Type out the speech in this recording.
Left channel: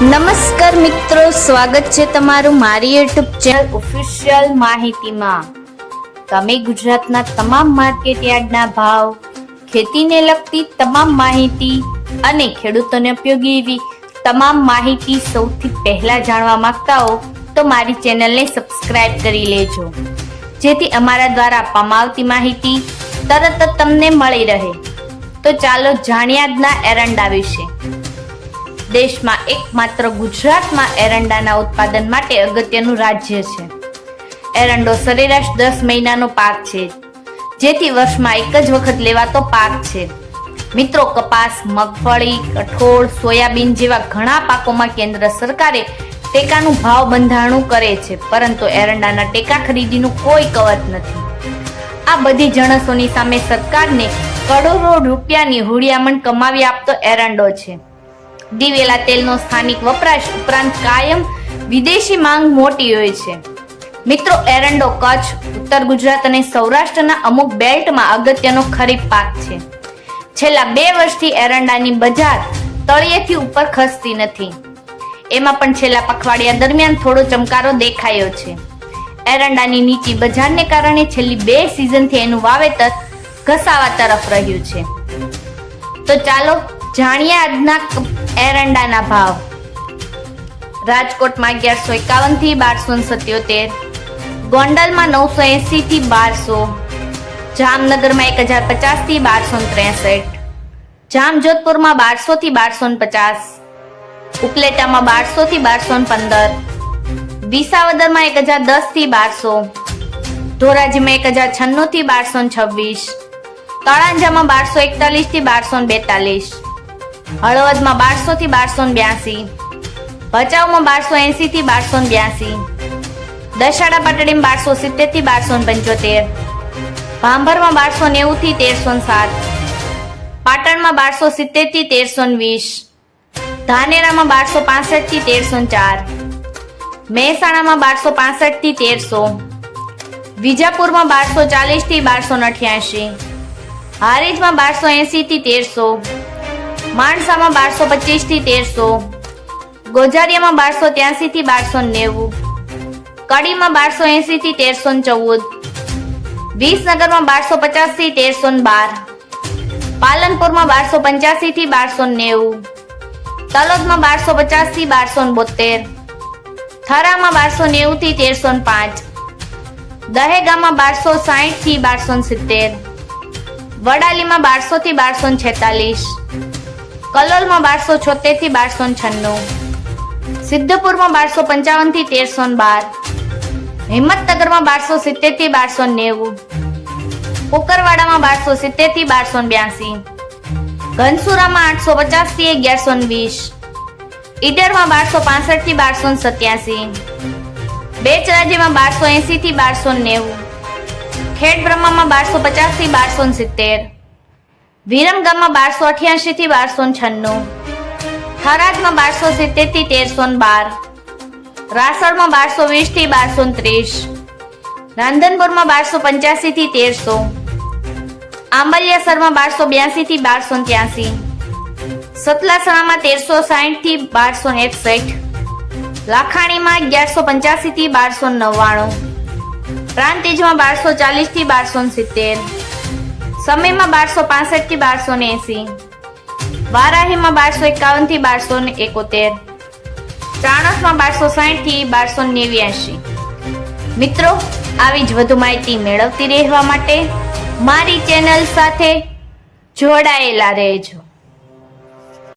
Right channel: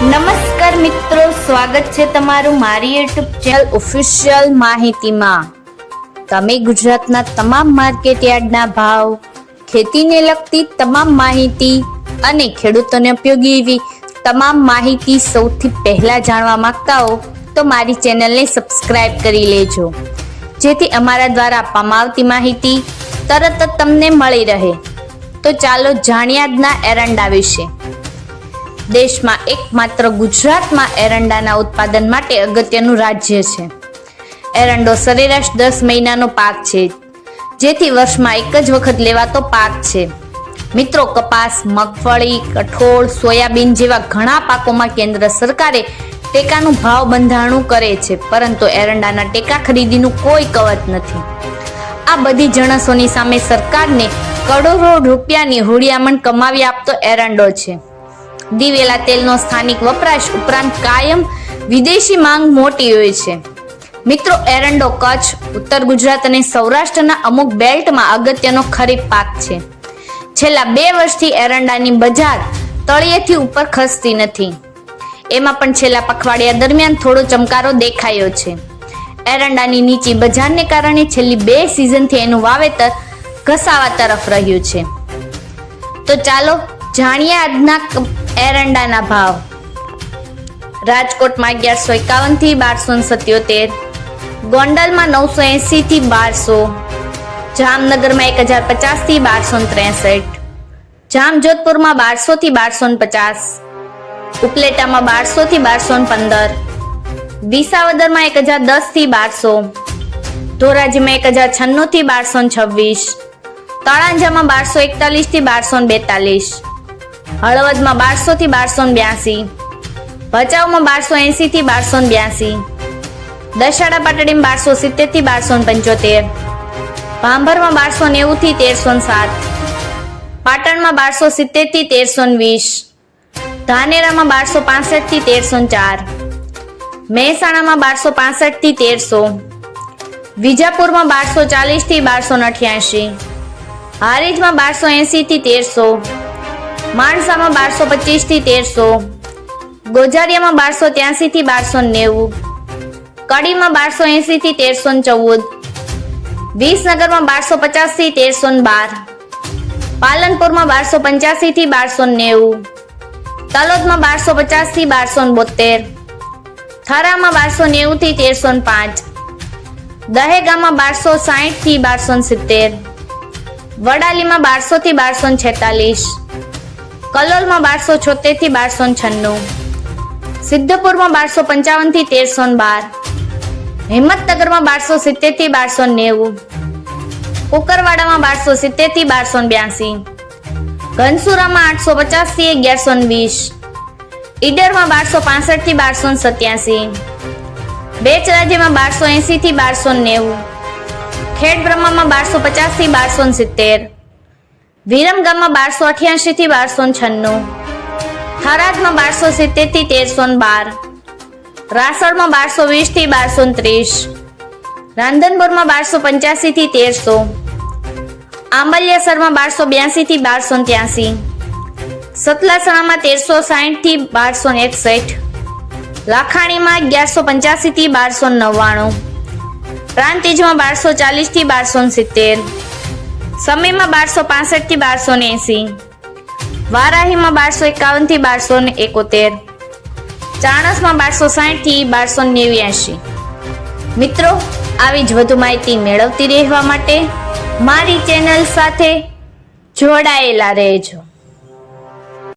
નમસ્કાર મિત્રો, સ્વાગત છે તમારું મારી યુટ્યુબ ચેનલ ઓફિશિયલ માહિતીમાં। તમે ગુજરાતના તમામ માર્કેટ યાર્ડના ભાવ, ખેતીને લગતી તમામ માહિતી અને ખેડૂતોને ઉપયોગી એવી તમામ માહિતી સૌથી પહેલા જાણવા માંગતા હો તો મારી ચેનલને સબસ્ક્રાઇબ કરી લેજો, જેથી અમારા દ્વારા આપવામાં આવતી માહિતી તરત જ તમને મળી રહે। તો ચાલો જાણીએ આજના એરંડા વિશે। દેશમાં એકમાત્ર ગુજરાતમાં એરંડાના ઉત્પાદન માટે અગત્યનું રાજ્ય છે। એરંડો સરેરાશ 10 મહિનાનો પાક છે, જેથી વર્ષમાં એક જ વખત લેવાતો પાક છે। મિત્રો, કપાસ, મગફળી, કઠોળ, સોયાબીન જેવા ઘણા પાકોમાં કેન્દ્ર સરકારે ટેકાનું ભાવ બંધારણું કરે છે, પરંતુ એરંડાના ટેકા ખરીદીનું કોઈ કવચ નથી। આ બધી જણસોની સામે સરકારને કરોડો રૂપિયાની હુંડિયામણ કમાવી આપતો એરંડો છે। દિવેલા તેલનો સ્થાનિક વપરાશ ઉપરાંત કાયમ વિદેશી માંગ મોટી હોય છે। મિત્રો, એરંડો કચ્છ, ઉત્તર ગુજરાત અને સૌરાષ્ટ્રના અમુક બેલ્ટમાં અગત્યનો ખરીફ પાક છે। છેલ્લા 2 વર્ષથી એરંડાની બજાર તળિયેથી ઉપર ખસતી નથી, એમાં પણ છેલ્લા પખવાડિયા દરમિયાન થોડો ચમકારો દેખાયો છે। એરંડાની નીચી બજારને કારણે છેલ્લી 2 સિઝનથી એનું વાવેતર ઘસાવા તરફ રહ્યું છે। તો ચાલો જાણીએ આજના એરંડાના ભાવ। રાજકોટમાં 1151 થી 1277, ગોંડલમાં 980 થી 1200, જામનગરમાં 1050 થી 1263, જામજોધપુરમાં 1200 થી 1250, ઉપલેટામાં 1200 થી 1215, વિસાવદરમાં 1010 થી 1200, ધોરાજીમાં 1096 થી 1226, તળાંજામાં 1241 થી 1242, હળવદમાં 1200 થી 1282, ભચાઉમાં 1280 થી 1282, દશાડા પાટડીમાં 1270 થી 1275, ભાંભરમાં 1290 થી 1307, પાટણમાં 1270 થી 1320, ધાનેરામાં 1265 થી 1304, મહેસાણામાં 1265 થી 1300, વિજાપુરમાં 1240 થી 1288, હારીજમાં 1280 થી 1300, માણસામાં 1225 થી 1300, ગોઝારિયામાં 1283 થી 1290, કડીમાં 1280 થી 1314, વિસનગરમાં 1250 થી 1312, પાલનપુરમાં 1285 થી 1290, તલોદમાં 1250 થી 1272, થરામાં 1290 થી 1305, દહેગામમાં 1260 થી 1270, વડાલીમાં 1200 થી 1246, કલોલમાં 1276 થી 1296, સિદ્ધપુરમાં 1255 થી 1312, હિંમતનગરમાં 1270 થી 1290, કુકરવાડામાં 1270 થી 1282, ઘનસુરામાં 850 થી 1120, ઈડરમાં 1265 થી 1287, બેચરાજીમાં 1280 થી 1290, ખેડબ્રહ્મામાં 1250 થી 1270, વિરમગામમાં 1288 થી 1296, થરાદમાં 1270 થી 1312, રાસોડમાં 1220 થી 1230, રાંધનપુરમાં 1285 થી 1300, આંબલિયાસરમાં 1282 થી 1283, સતલાસણામાં 1360 થી 1261, લાખાણીમાં 1185 થી 1299, પ્રાંતિજમાં 1240 થી 1270, સમીમાં 1265 થી 1280, વારાહીમાં 1251 થી 1271, ચાણસમાં 1260 થી 1289। મિત્રો, આવી જ વધુ માહિતી મેળવતી રહેવા માટે મારી ચેનલ સાથે જોડાયેલા રહેજો।